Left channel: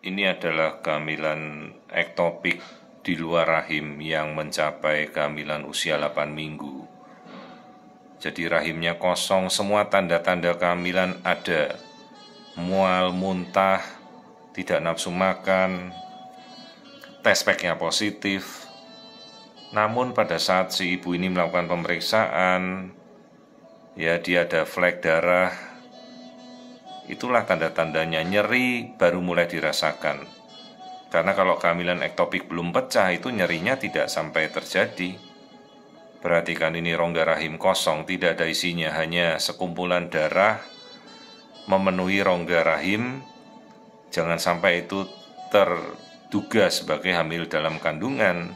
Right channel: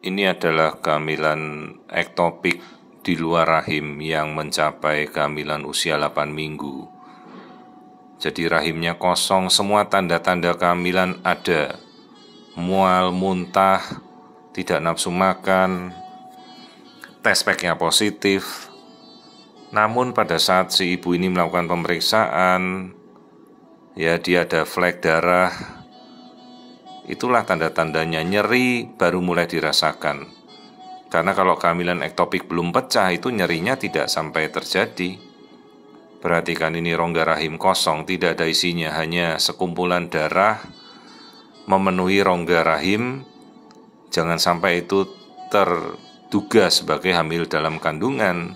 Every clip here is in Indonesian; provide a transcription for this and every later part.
Ini adalah kehamilan ektopik di luar rahim yang mencapai kehamilan usia 8 minggu. Jadi rahimnya kosong, semua tanda-tanda kehamilan ada. Mual, muntah, tidak nafsu makan, tes packnya positif. Namun pada saat si ibu ini melakukan pemeriksaan, ya dia ada flek darah. Itulah tanda-tandanya, nyeri baru mulai dirasakan. Karena kalau kehamilan ektopik belum pecah, itu nyerinya tidak sampai terjadi. Perhatikan, ini rongga rahim kosong, tidak ada isinya, hanya sekumpulan darah memenuhi rongga rahim. Jangan sampai itu terduga sebagai hamil dalam kandungan.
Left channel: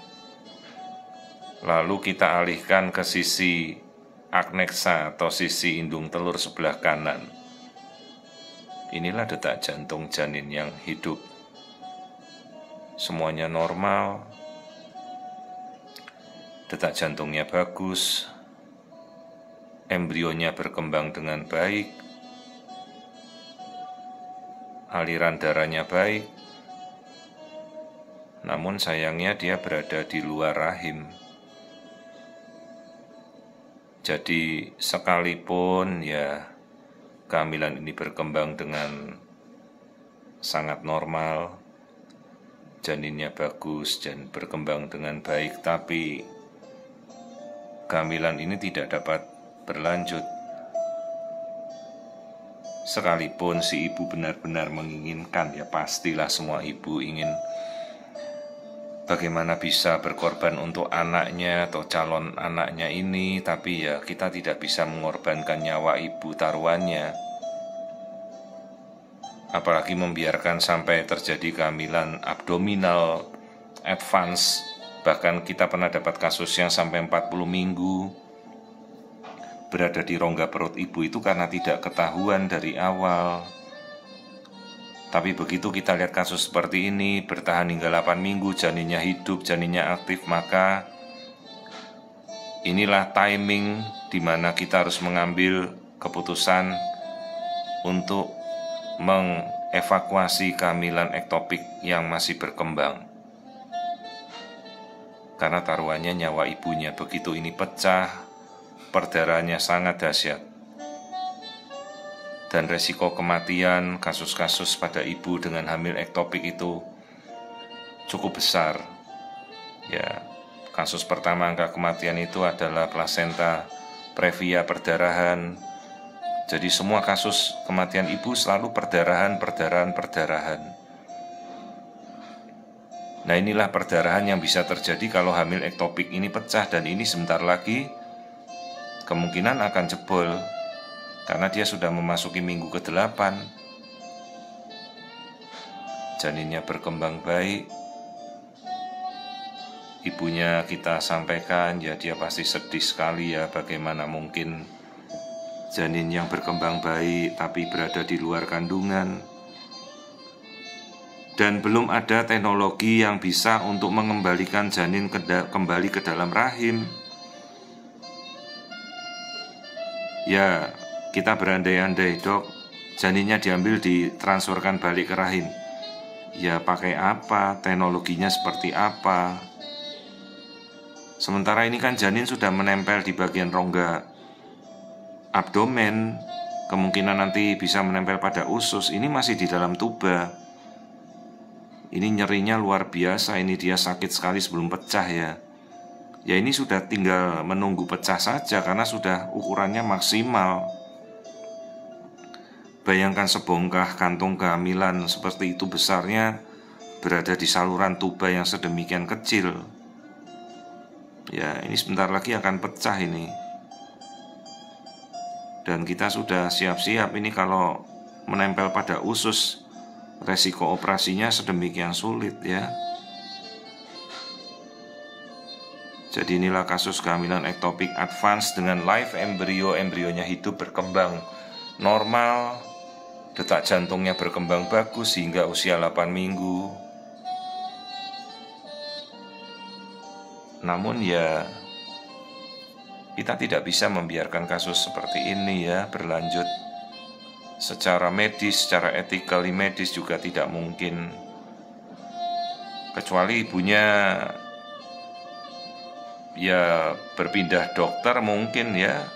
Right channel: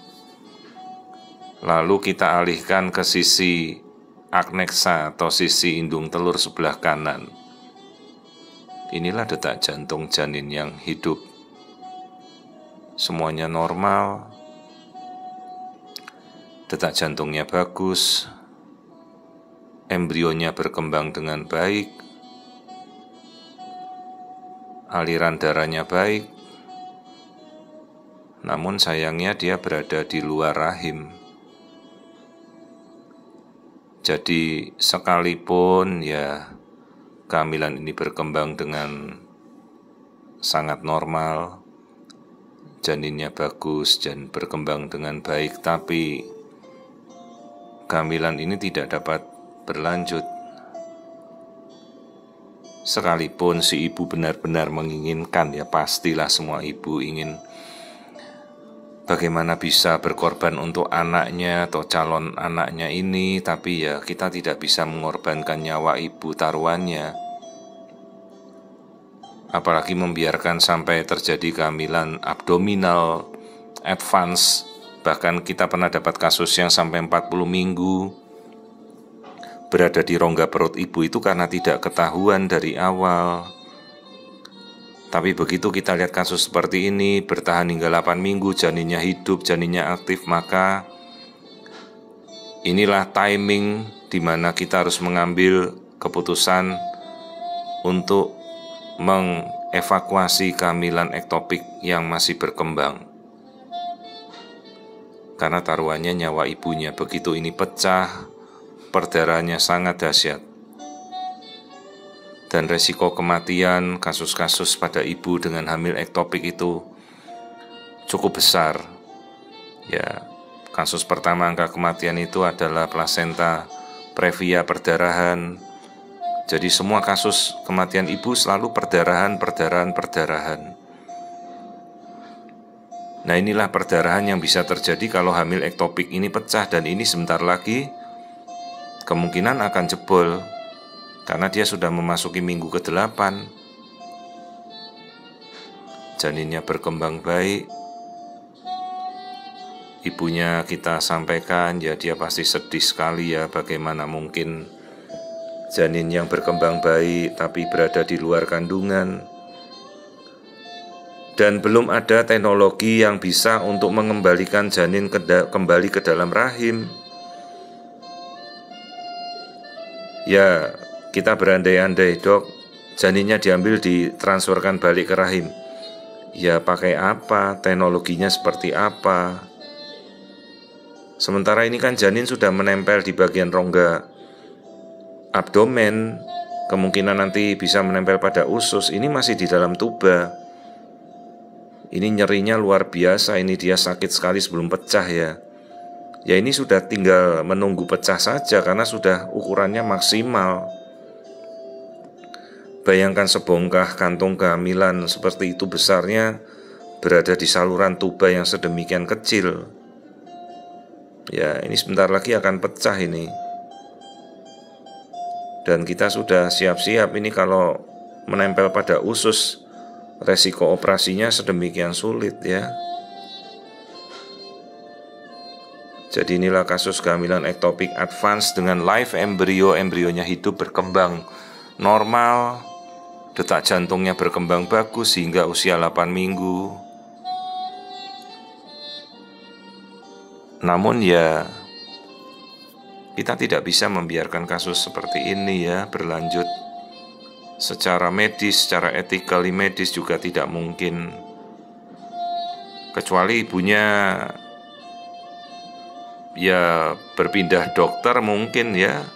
Lalu kita alihkan ke sisi akneksa atau sisi indung telur sebelah kanan. Inilah detak jantung janin yang hidup. Semuanya normal. Detak jantungnya bagus. Embrionya berkembang dengan baik. Aliran darahnya baik. Namun sayangnya dia berada di luar rahim. Jadi sekalipun ya kehamilan ini berkembang dengan sangat normal, janinnya bagus dan berkembang dengan baik, tapi kehamilan ini tidak dapat berlanjut. Sekalipun si ibu benar-benar menginginkan, ya pastilah semua ibu ingin bagaimana bisa berkorban untuk anaknya atau calon anaknya ini, tapi ya kita tidak bisa mengorbankan nyawa ibu taruhannya. Apalagi membiarkan sampai terjadi kehamilan abdominal advance. Bahkan kita pernah dapat kasus yang sampai 40 minggu berada di rongga perut ibu itu karena tidak ketahuan dari awal. Tapi begitu kita lihat kasus seperti ini, bertahan hingga 8 minggu, janinnya hidup, janinnya aktif, maka inilah timing di mana kita harus mengambil keputusan untuk mengevakuasi kehamilan ektopik yang masih berkembang. Karena taruhannya nyawa ibunya, begitu ini pecah, perdarahannya sangat dahsyat. Dan resiko kematian kasus-kasus pada ibu dengan hamil ektopik itu cukup besar. Ya, kasus pertama angka kematian itu adalah plasenta previa perdarahan. Jadi semua kasus kematian ibu selalu perdarahan. Nah, inilah perdarahan yang bisa terjadi kalau hamil ektopik ini pecah, dan ini sebentar lagi kemungkinan akan jebol. Karena dia sudah memasuki minggu ke-8. Janinnya berkembang baik. Ibunya kita sampaikan, ya dia pasti sedih sekali ya, bagaimana mungkin janin yang berkembang baik tapi berada di luar kandungan. Dan belum ada teknologi yang bisa untuk mengembalikan janin kembali ke dalam rahim. Ya, kita berandai-andai, dok, janinnya diambil ditransferkan balik ke rahim. Ya pakai apa, teknologinya seperti apa. Sementara ini kan janin sudah menempel di bagian rongga abdomen, kemungkinan nanti bisa menempel pada usus. Ini masih di dalam tuba. Ini nyerinya luar biasa, ini dia sakit sekali sebelum pecah ya. Ya ini sudah tinggal menunggu pecah saja karena sudah ukurannya maksimal. Bayangkan sebongkah kantung kehamilan seperti itu besarnya berada di saluran tuba yang sedemikian kecil. Ya ini sebentar lagi akan pecah ini. Dan kita sudah siap-siap ini kalau menempel pada usus, resiko operasinya sedemikian sulit ya. Jadi inilah kasus kehamilan ektopik advance dengan live embrio, embrionya hidup berkembang normal, detak jantungnya berkembang bagus hingga usia 8 minggu. Namun ya kita tidak bisa membiarkan kasus seperti ini ya berlanjut. Secara medis, secara etikali medis juga tidak mungkin kecuali ibunya ya berpindah dokter mungkin ya,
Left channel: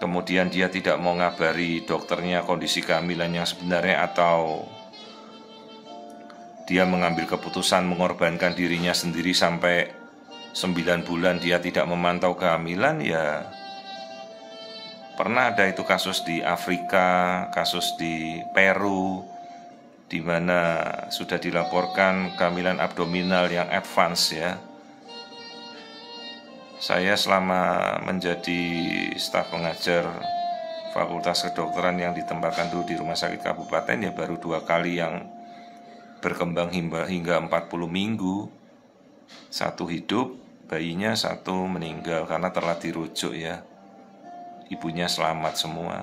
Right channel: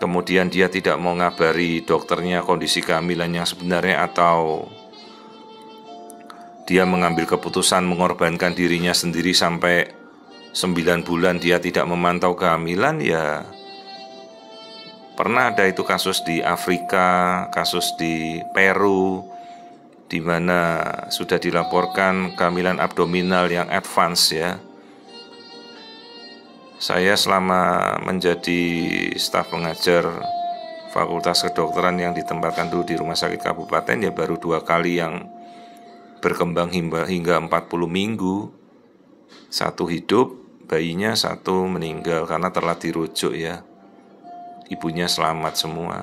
kemudian dia tidak mau ngabari dokternya kondisi kehamilan yang sebenarnya, atau dia mengambil keputusan mengorbankan dirinya sendiri sampai 9 bulan dia tidak memantau kehamilan. Ya pernah ada itu kasus di Afrika, kasus di Peru, di mana sudah dilaporkan kehamilan abdominal yang advance ya. Saya selama menjadi staf pengajar Fakultas Kedokteran yang ditempatkan dulu di Rumah Sakit Kabupaten ya baru 2 kali yang berkembang hingga 40 minggu. 1 hidup bayinya, 1 meninggal karena telah dirujuk ya. Ibunya selamat semua.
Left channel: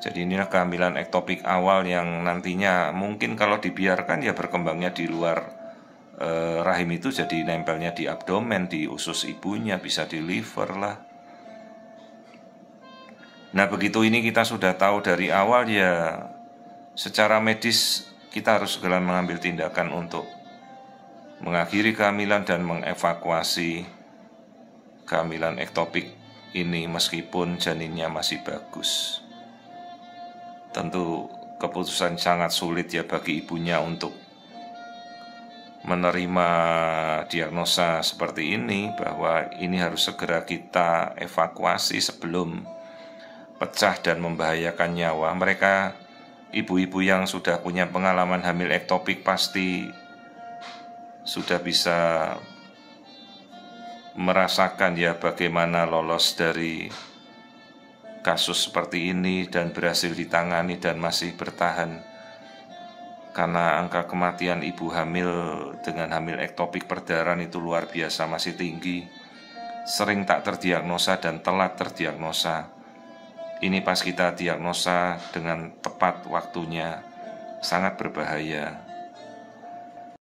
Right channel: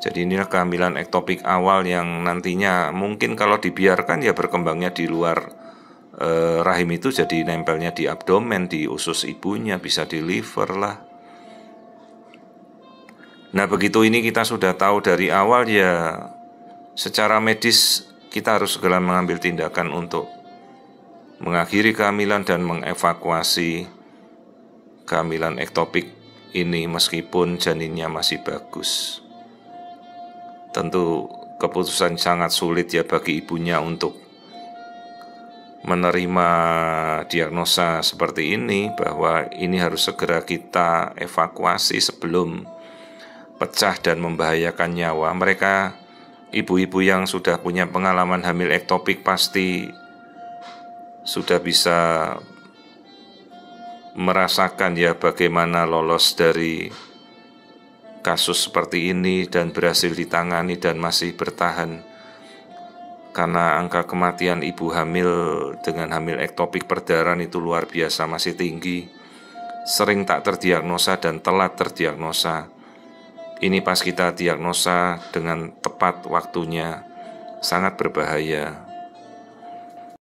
Jadi inilah kehamilan ektopik awal yang nantinya mungkin kalau dibiarkan ya berkembangnya di luar rahim itu jadi nempelnya di abdomen, di usus ibunya, bisa di liver lah. Nah begitu ini kita sudah tahu dari awal ya, secara medis kita harus segera mengambil tindakan untuk mengakhiri kehamilan dan mengevakuasi kehamilan ektopik ini meskipun janinnya masih bagus. Tentu keputusan sangat sulit ya bagi ibunya untuk menerima diagnosa seperti ini, bahwa ini harus segera kita evakuasi sebelum pecah dan membahayakan nyawa. Mereka ibu-ibu yang sudah punya pengalaman hamil ektopik pasti sudah bisa merasakan ya bagaimana lolos dari kasus seperti ini dan berhasil ditangani dan masih bertahan. Karena angka kematian ibu hamil dengan hamil ektopik perdarahan itu luar biasa, masih tinggi. Sering tak terdiagnosa dan telat terdiagnosa. Ini pas kita diagnosa dengan tepat waktunya, sangat berbahaya.